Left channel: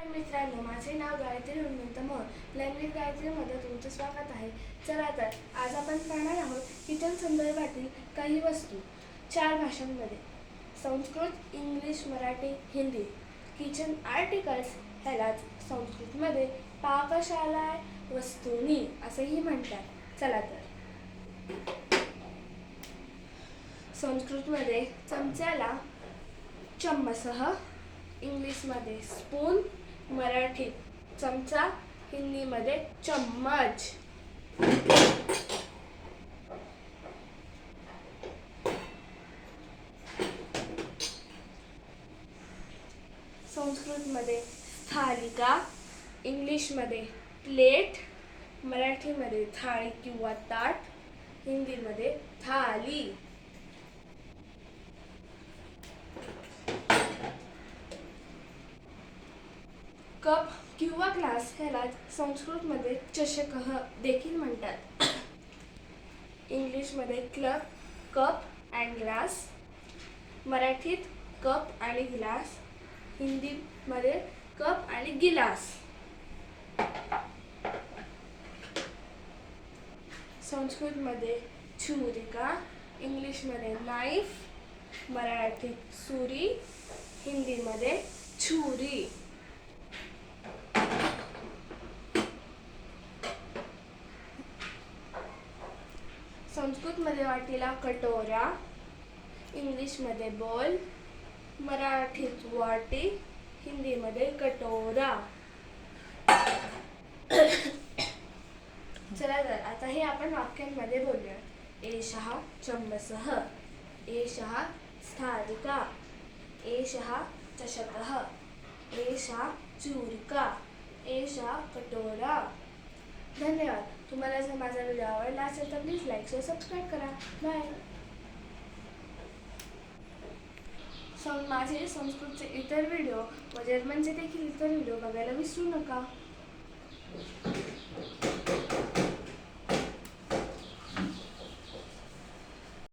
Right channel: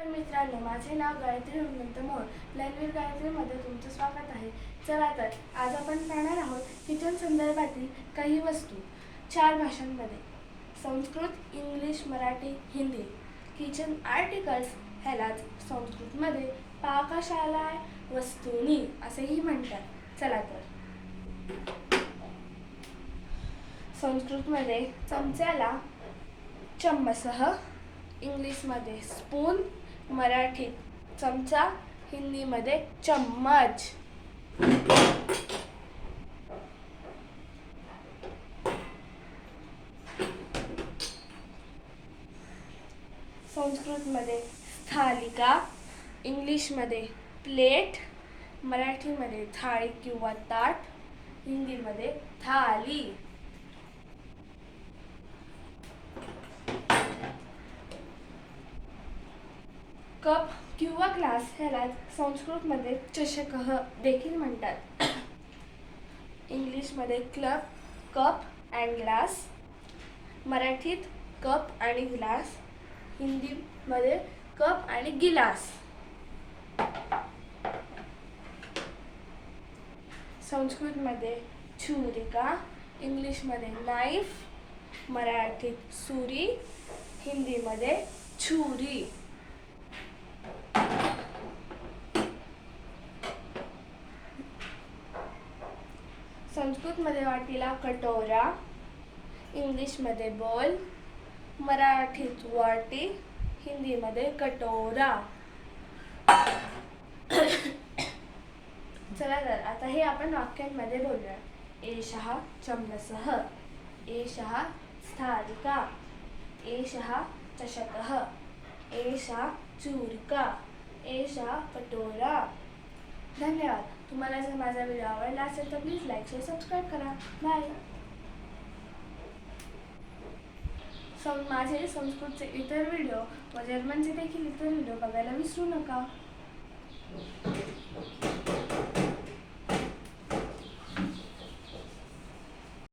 तर मित्रांनो माझे नाव गायत्री हनुमंत मोर लँग्वेज गायत्रीमध्ये तुमचं स्वागत आहे. चला तर आज आपण पाहणार आहोत किचन संदर्भातील काही वस्तू. चार भाषांमध्ये. Sanskrit English Marathi Hindi. Kitchen articles ह्यालाच संस्कृतमध्ये पाकशाला वस्तूनी असेही म्हणतात. चला तर. संस्कृतमध्ये चमच्याला चम्मसह इंग्लिशमध्ये स्पून मराठीत चमचा हिंदीमध्ये चम्मच. संस्कृतमध्ये थालिका इंग्लिशमध्ये प्लेट मराठीमध्ये थाळी किंवा ताट हिंदीमध्ये थाली. कप किंवा ग्लास ह्याला संस्कृतमध्ये चषकह देखील म्हणतात. इंग्लिशमध्ये क्लब कप अँड ग्लास मराठीत कप आणि ग्लास. हिंदीमध्ये कप आणि गिलास. संस्कृतमध्ये छुरिका इंग्लिशमध्ये नाईफ मराठीत सुरी हिंदीमध्ये छुरी. संस्कृतमध्ये वाटीला कटोरा इंग्लिशमध्ये बॉल मराठीत वाटी हिंदीमध्ये कटोरा. चला तर आता हे आपण वाक्यांमध्ये बोलूया. एषः चम्मसः एषः स्थालिका एषः चषकः एषा चूरिका एषा कटोरा. धन्यवाद. तुम्हाला जर माझा व्हिडिओ आवडला असेल तर प्लीज लाईक शेअर सबस्क्राईब करा. बाय सं माझे संस्कृतचे इतर व्हिडिओ व जर्मनचे देखील इतर व्हिडिओ बघायला विसरू नका.